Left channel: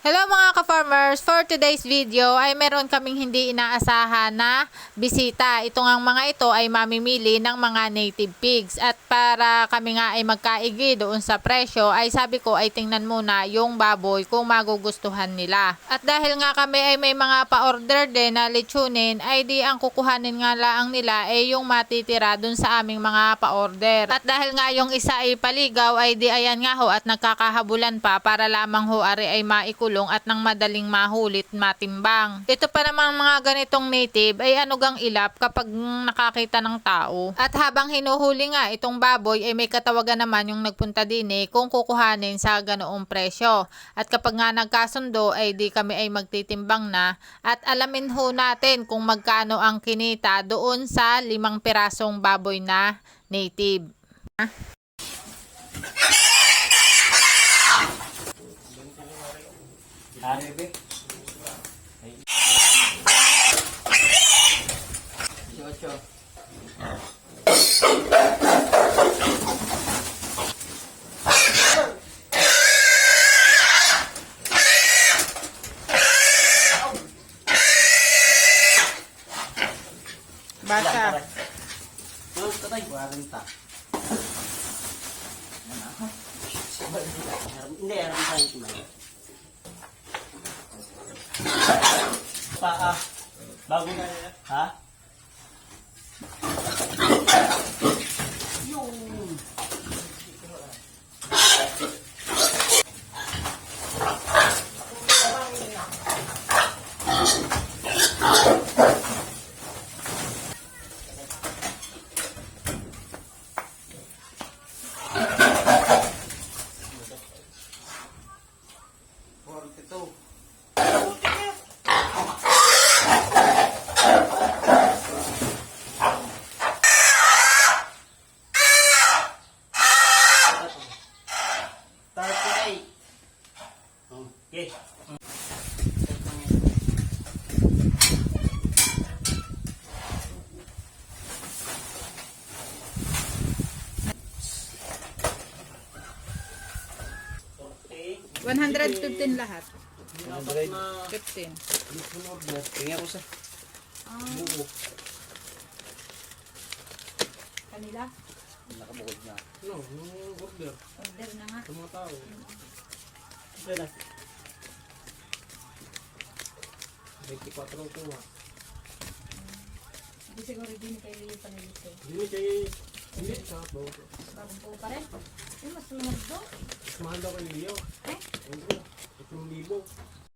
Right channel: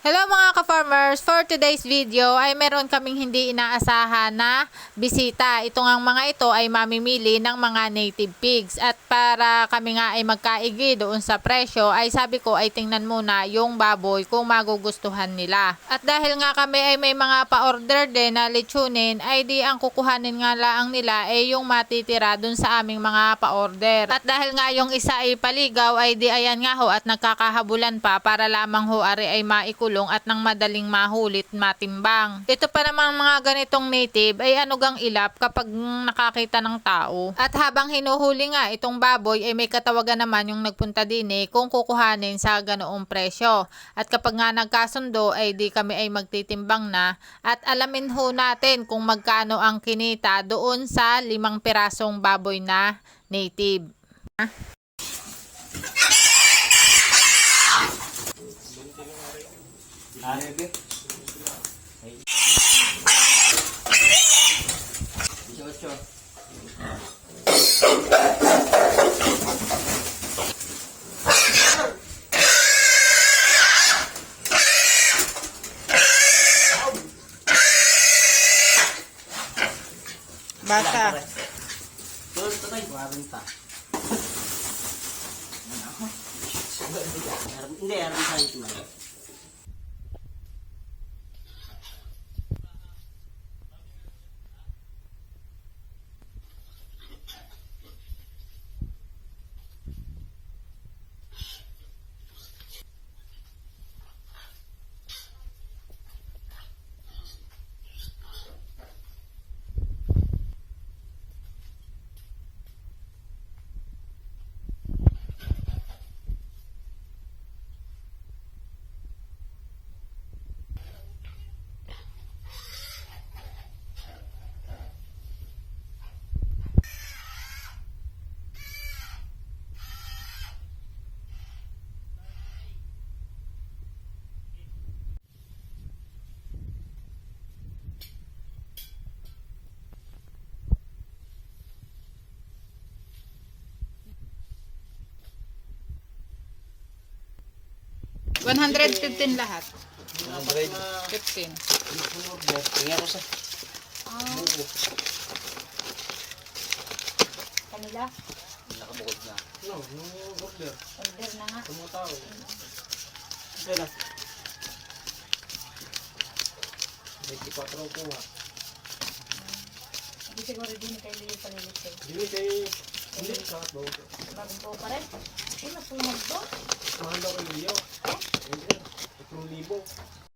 Hello mga ka-farmers! For today's video ay meron kaming hindi inaasahan na bisita. Ito ngang mga ito ay mamimili ng mga native pigs. At para kami nga ay magkaigi doon sa presyo ay sabi ko ay tingnan muna yung baboy kung magugustuhan nila. At dahil nga kami ay may mga pa-order din na lechonin ay di ang kukuhanin nga laang nila ay yung matitira doon sa aming mga pa-order. At dahil nga yung isa ay paligaw ay di ayan nga ho at nagkakahabulan pa para lamang ho ari ay maikulong at nang madaling mahulit matimbang. Ito pa naman mga ganitong native ay anugang ilap kapag nakakita ng tao. At habang hinuhuli nga itong baboy ay may katawagan naman yung nagpunta din kung kukuhanin sa ganoong presyo. At kapag nga nagkasundo ay di kami ay magtitimbang na at alamin ho natin kung magkano ang kinita doon sa 5 pirasong baboy na native. Basa. Terus tatay, 40. Hindi, harap sa ito na. Bago na nila. Ha? Okay. 115 lahat. 100. 15. Tingnan ko sa. Kanila? Nakabukod na. Order na nga. Kaya 24 ko. Hindi siguro din kayo lili palilisig. Hindi kayo, hindi sa bawang. Bagong po pa rin. Eh, mas lumag doon. Mahal daw kayo. Eh? 3,000.